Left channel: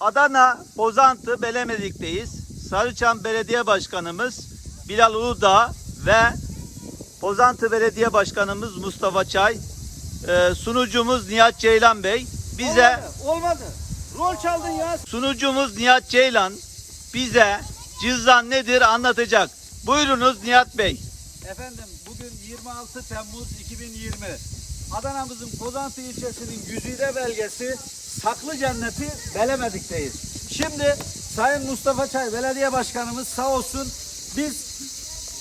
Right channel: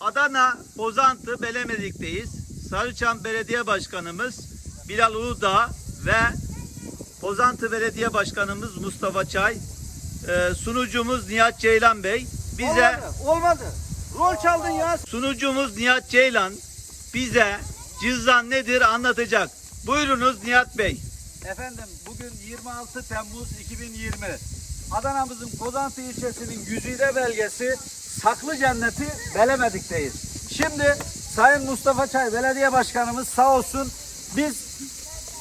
Adana Bozantı Belemedik'teyiz. Sarıçam Belediye Başkanımız Bilal Uludağ ve Bozantı Belediye Başkanımız Mustafa Çay, e, sunucumuz Nihat Ceylan Bey bize Olmadı. Olmadı. Rol çaldın ya. sunucumuz Nihat Ceylan bize cüzdan nedir anlatacak. Buyurunuz Nihat Bey. Efendim bugün 26 Temmuz 2020. Adana'mızın Kozantı ilçesinin güzide belgesi Saklı Cenneti Belemedik'teyiz. Şimdi Sayın Mustafa Çay Belediye Başkanımız sağ olsun biz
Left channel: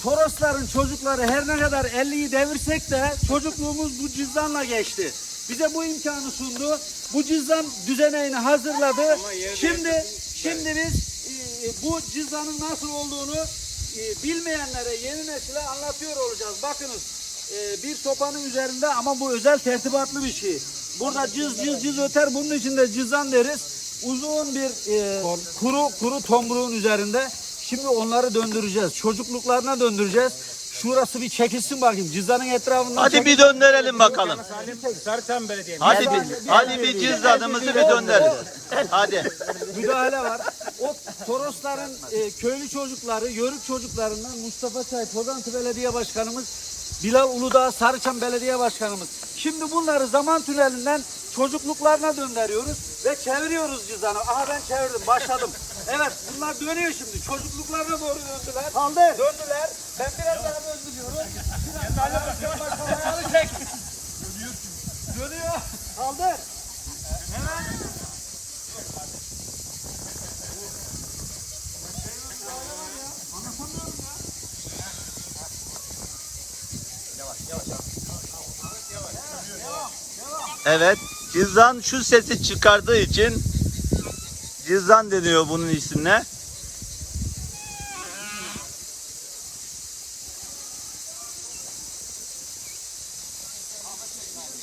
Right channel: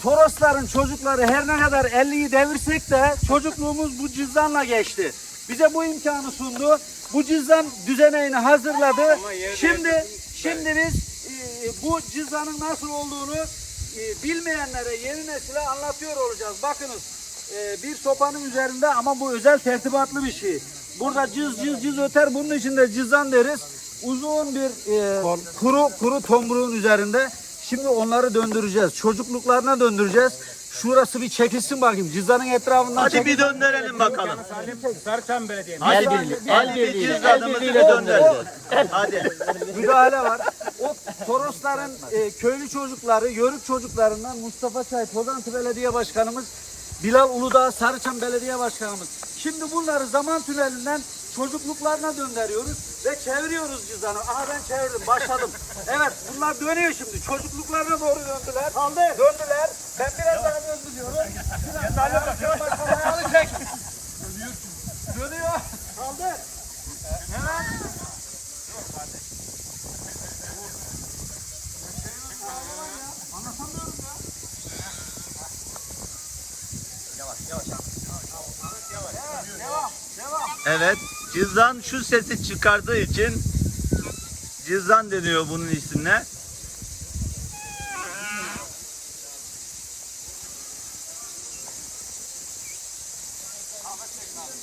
Torosların çocukları her ne kadar 50'yi devirsek de çocukluğumuz bu cüzdanla geçti. Bize bu imkanı sundu. Bu cüzdan düzeneğini hazırladı. Şimdi şimdi biz e, bu cüzdanın nasıl olduğunu e, bilmeyenlere, yeni nesile anlatıyor olacağız. Bakınız e, bir sopanın üzerinde ama bu özel tertibatlı bir şey. Burada cız cız cız öter. Bunun için de cüzdan deriz. Uzun bir e, kuru kuru tomruğun üzerinde. Şimdi onları döndüreceğiz. Çocukluklarına döndüreceğiz. Şurası bir çekilsin bakayım. Cüzdanın etrafından Hadi bir döndürelim bakalım. Sarıçam Belediye. Hadi bir, hadi bir cüzdanımızı bir döndürelim. Hadi. müdahale var. O Torosların e, köylü çocukları, yörük çocuklarından Mustafa Çay, Pozantı Belediye Başkanımız, Bilal Uludağ, Sarıçam Belediye Başkanımız. Şimdi bunları zaman tünelinden çocukluklarına döndürüyoruz ve çeviriyoruz cüzdanı. Aha ben çevirdim, başladım. Evet, bunlar dönüyor şimdi. Çocukluklarına doğru döndüler. Döndüler. Ben biraz daha döndürüyorum. Biraz daha başkan başkan ayağını çek. Dönüyor. Kaldı. Evet. Cüzdan şu sesi çıkardığı için cüzdan deniyor bunun ismine.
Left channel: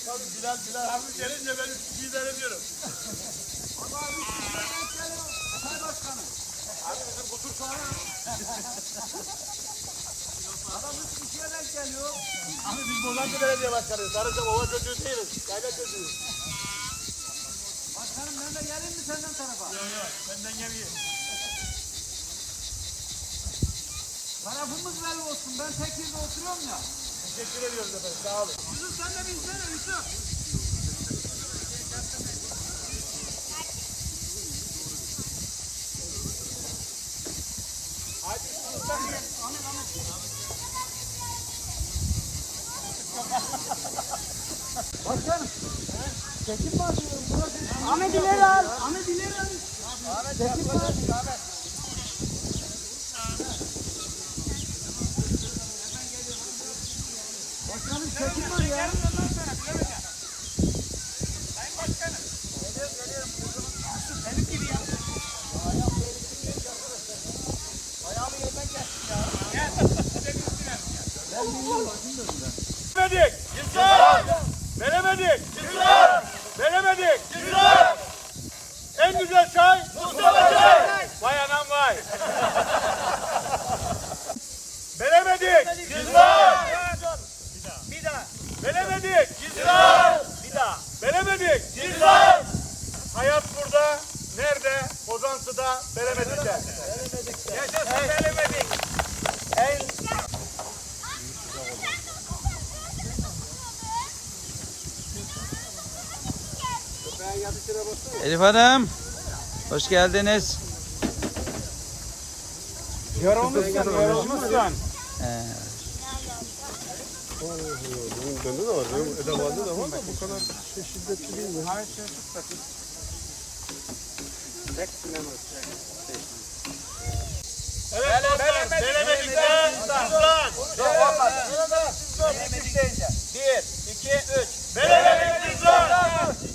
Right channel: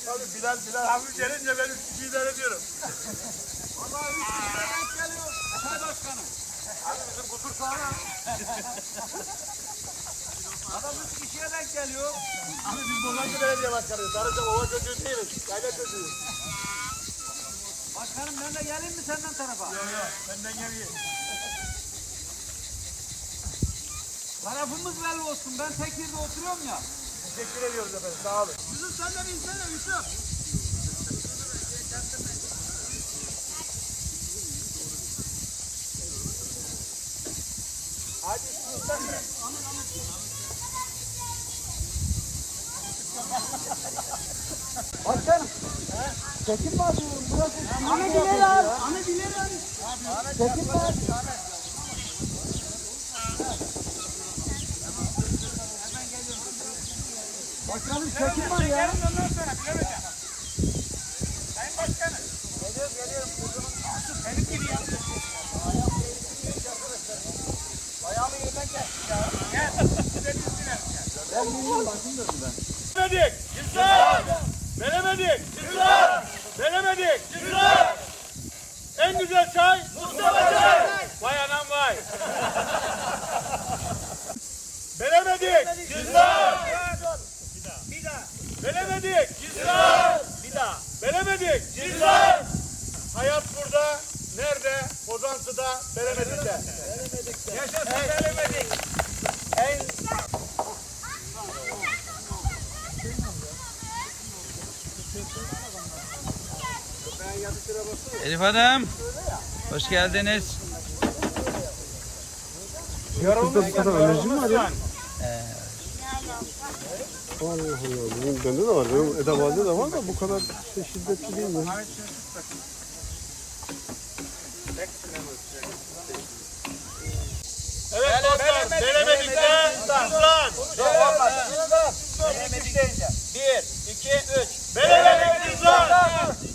Tabii Bilal Bilal hafif gelince ben üç kişiyi de ediyorum. Abi bizim kutur soğanı. Abi biz Bozantı Belediye Başkanıyız. Sarıcam ova çocuğu değiliz. Yayla çocuğuyuz. Başkanım ben de geleyim mi senden tarafa? Yok yok benden geliyor. Tarafımız belli olsun. Ben tekirde oturuyorum ya. Teşekkür ediyoruz efendim sağ olun. Yusuf sen de binsene Yusuf. Hadi Başkanım. Çekim var. Burası. Ahmet ileri al. Ahmet ileri al. Ahmet çekim var. Başkanım çekim var ya. Sayın Başkanım. Benim gibi yap. Ayağımı yerden kestik ya. Gel. Ya. Ben bilmiyorum ben. Veremedik. Cüzdan. Veremedik. Cüzdan. Veremedik. Cüzdan. En güzel çay. Mustafa çay. Vay anam vay. Veremedik. Cüzdan. Bir daha. Veremedik. Cüzdan. Bir daha. Veremedik. Cüzdan. Hayat burada. Nerede? Kozantı'da. Veremedik'te. Yaşasın veremedik. En Elif Hanım. Hoş geldiniz. Bende de var. Benim edavalde de var da bu kadar şiddetli değil mi? Evet dostlar, Velemedik'te cüzdan. Veremedik deyince. Bir, iki, üç. Velemedik'te